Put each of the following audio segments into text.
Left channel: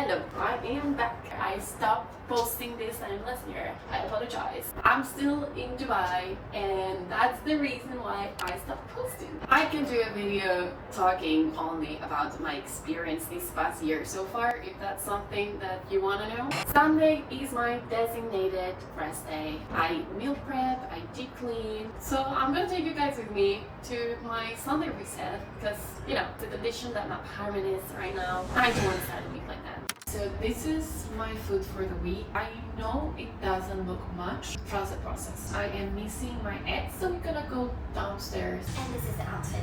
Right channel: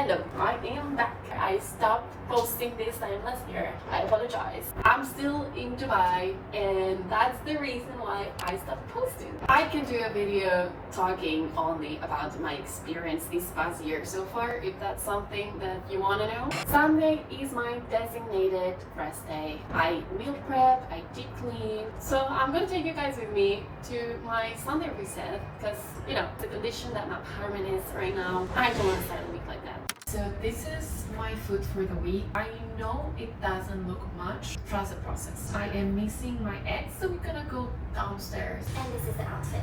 Hello, I am back. I stopped posting this time last year. I apologize. I'm still in Dubai and that's the reason why I stopped posting. I can do a video talking only about my experience this past year so far if that's something that you want to know. Sunday is my designated rest day. I meal prep, I deep clean. So I'm gonna take you guys with me to my Sunday reset because, you know, the condition that my apartment is right now, I don't want to start a week like that. So this is my food for the week. I know it doesn't look much. Trust the process. I am missing my eggs, so we're gonna go downstairs. And this is the outfit.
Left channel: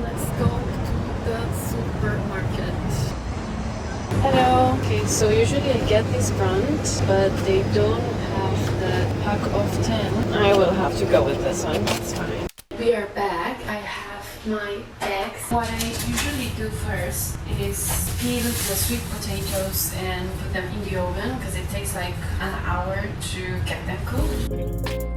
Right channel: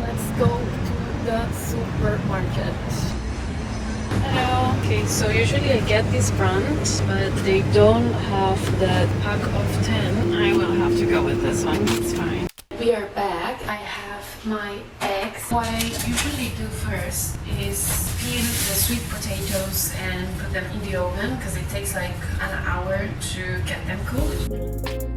Let's go to the supermarket. Hello. Okay, so usually I get this brand, but they don't have the pack of 10. I will have to go with this one. It's fine. We are back. I have my eggs. What I usually do first is peel the sweet potatoes and put them in the oven because it takes like an hour to get them cooked.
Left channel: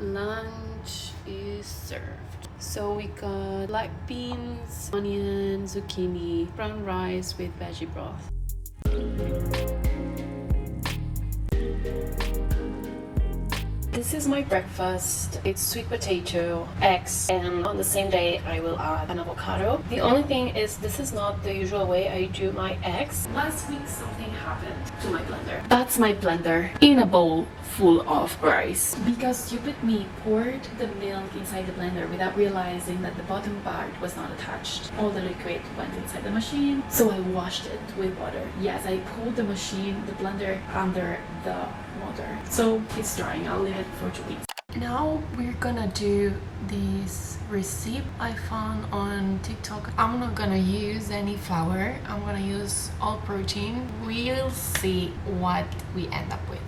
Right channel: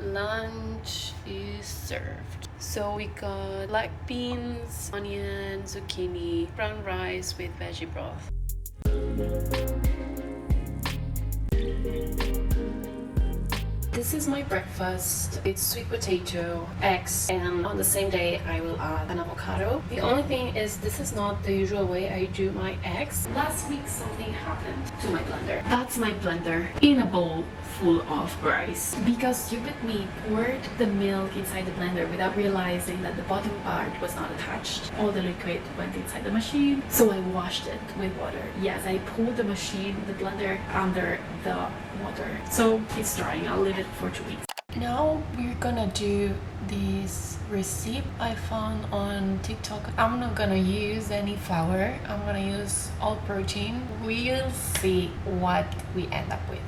Lunch is served. So we got black beans, onion, zucchini, brown rice with veggie broth. This is my breakfast. It's sweet potato, eggs, and on the same day I will add an avocado. The only thing is this is not the usual way I do my eggs. Last week something happened to my blender. That's my blender in a bowl full of rice. Because stupid me poured the milk inside the blender without realizing that the bottom part was not attached. All the liquid went inside the machine, so I washed it with water. Yes, I pulled the machine, the blender, under the water. So it's drying. I'll leave it for 2 weeks. Now we're gonna do this recipe I found on TikTok. I'm not gonna use any flour. I'm gonna use all protein. We'll see what we end up with.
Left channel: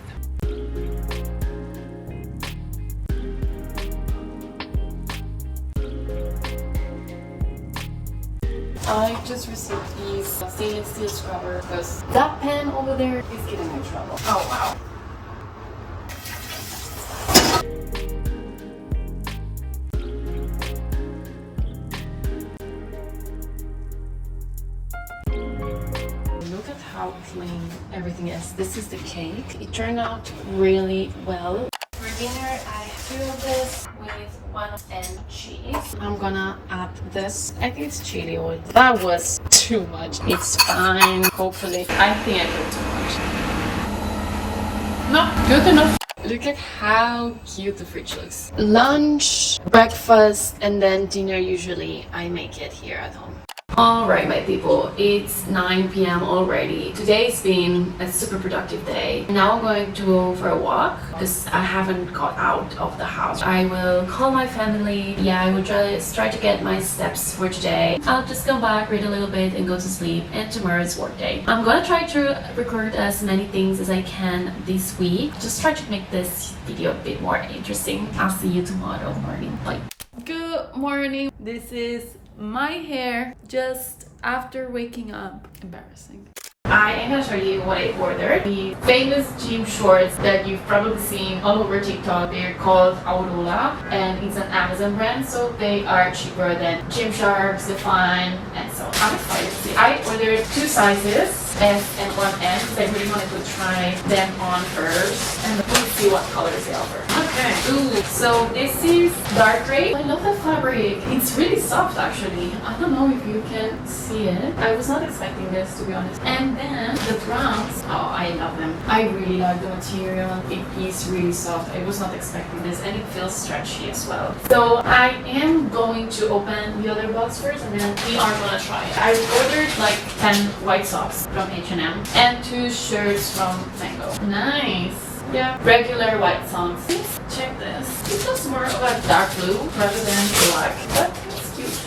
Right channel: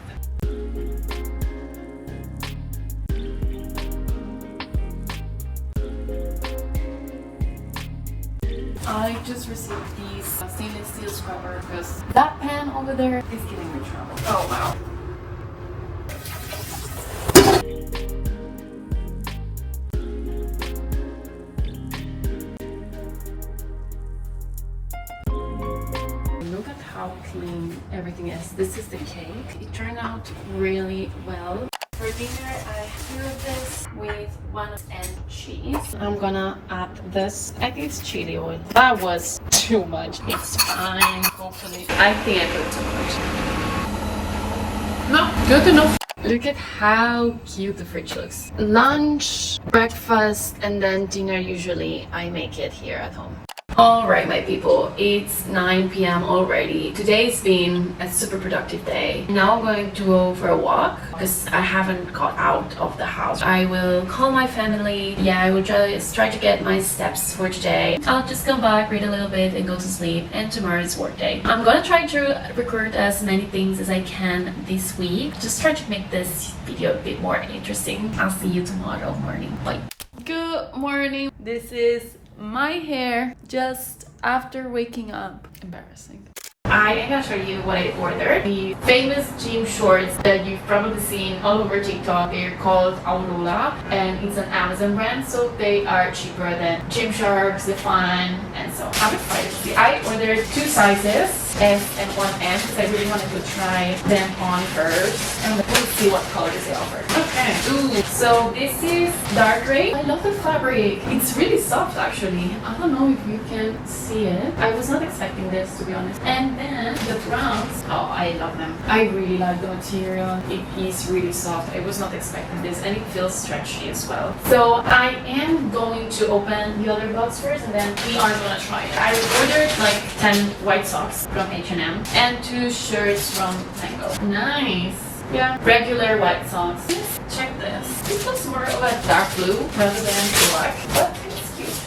I just received these stainless steel scrubber because that pan over there is giving me trouble. Oh wow. Look at how clean everything is. This is the cake. It turned out really well. For dinner, I filled this with 1 and cheese. I'm gonna add this. I think it's chili oil. That was too much. It's fine, hopefully. I think I put too much. No, good enough. Look at how cute the fridge looks. Lunch, breakfast, and then dinner usually I make it here at home. Alright my people, it's 9 p.m. already. Today's been a super productive day. Now I'm going to go for a walk because I haven't got out of the house. I will call my family. Yeah, I will just try to get my steps for today. I'll just come back, read a little bit and go to sleep, and tomorrow is work day. I'm gonna try to record as many things as I can this week. Just try to make this video a bit more interesting. I'll see you tomorrow morning. Bye. Good morning. This is my hair just after waking up. Embarrassing. I am gonna show you what I ordered. The famous gym shorts that you've probably seen all over TikTok. They're called Aurora and it's an Amazon brand, so they are cheaper than Gymshark, Define, and so on. I'm excited to see. I ordered 2 sizes, S and 1M, because I really wanted to try them on first and we'll see what colors they offer. Okay. Ooh, so this is dark gray. I love the fabric. It's really soft actually. I don't know if you can see it. I was not expecting this, to be honest. And then the browns, oh, I love them. I really like the material. It is really soft. I was not expecting this and it feels stretchy as well. So I am going to open the other box first and then we are gonna try it. I ordered like 10 white socks from H&M and 2 shirts from Mango. Nice. Yeah, regular white socks. Let's check this. It looks more of a dark blue rather than black, but it's cute.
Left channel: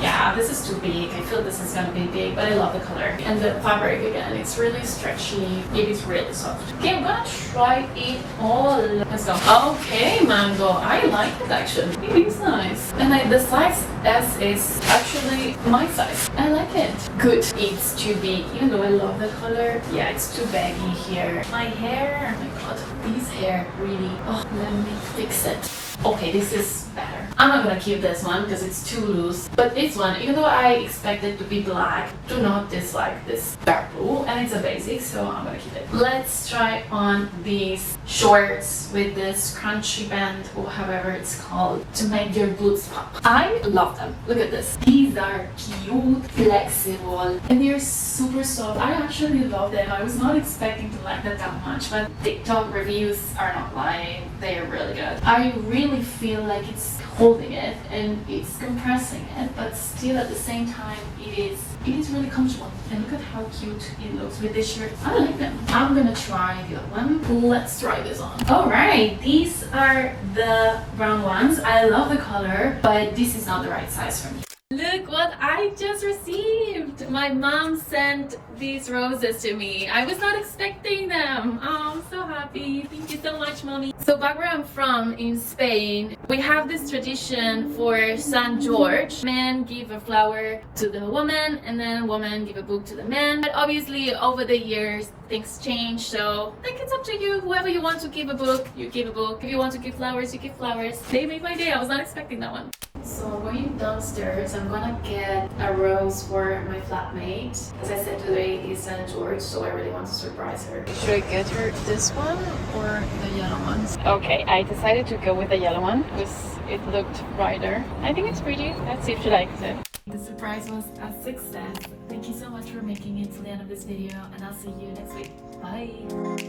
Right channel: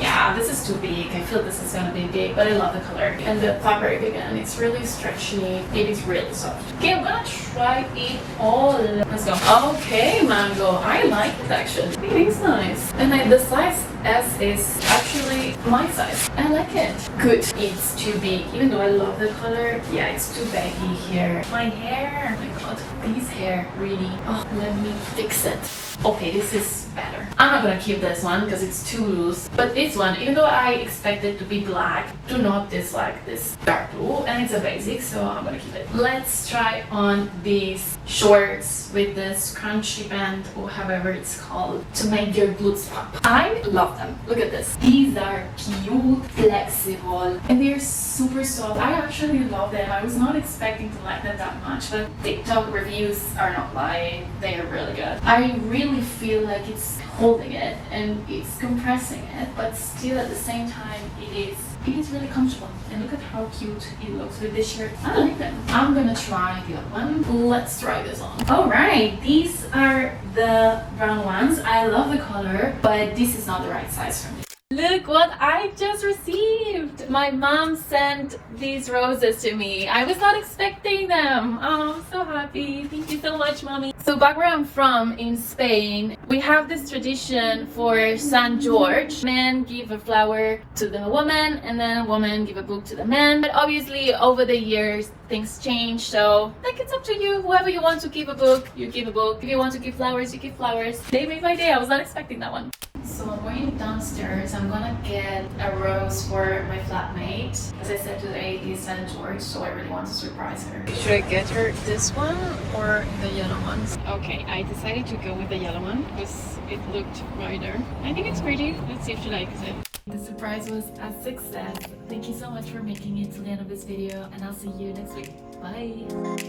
Yeah, this is too big. I feel this is gonna be big, but I love the color. And the fabric again, it's really stretchy. It is really soft. Okay, I'm gonna try it all. Let's go. Okay, mango. I like it actually. It is nice. And the size S is actually my size. I like it. Good. It's too big. Even though I love the color, yeah, it's too baggy here. My hair, oh my god, this hair really. Oh, let me fix it. Okay, this is better. I'm not gonna keep this one because it's too loose. But this one, even though I expect it to be black, do not dislike this dark blue, and it's a basic, so I'm gonna keep it. Let's try on these shorts with this crunchy band or however it's called to make your boots pop. I love them. Look at this. These are cute, flexible, and they're super soft. I actually love them. I was not expecting to like them that much, but TikTok reviews are not lying. They are really good. I really feel like it's holding it and it's compressing it, but still at the same time it is really comfortable. And look at how cute it looks with this shirt. I like them. I'm gonna try the other one. Let's try this on. Alright, these are the brown ones. I love the color, but this is not the right size for me. Look what I just received! My mom sent these roses to me. I was not expecting them. Oh, I'm so happy. Thank you so much, mommy. So back where I'm from, in Spain, we have this tradition for St. George. Men give a flower to the woman, and then woman give a book to the man. But obviously, over the years, things change, so I think it's up to you. Whoever you want to give a book, you give a book. If you want to give flowers, you give flowers. They made my day. I was not expecting that one. So I'm going downstairs. I'm gonna get a rose for my flatmate. As I said, today is St. George, so I really want to surprise her. Should I get her this one or the yellow ones? Okay, I decided to go with the yellow one because it looked brighter. I think it's pretty. Let's see if she likes it. The surprise was a success. Thank you so much for making it to the end of this video, and I'll see you next week. Bye!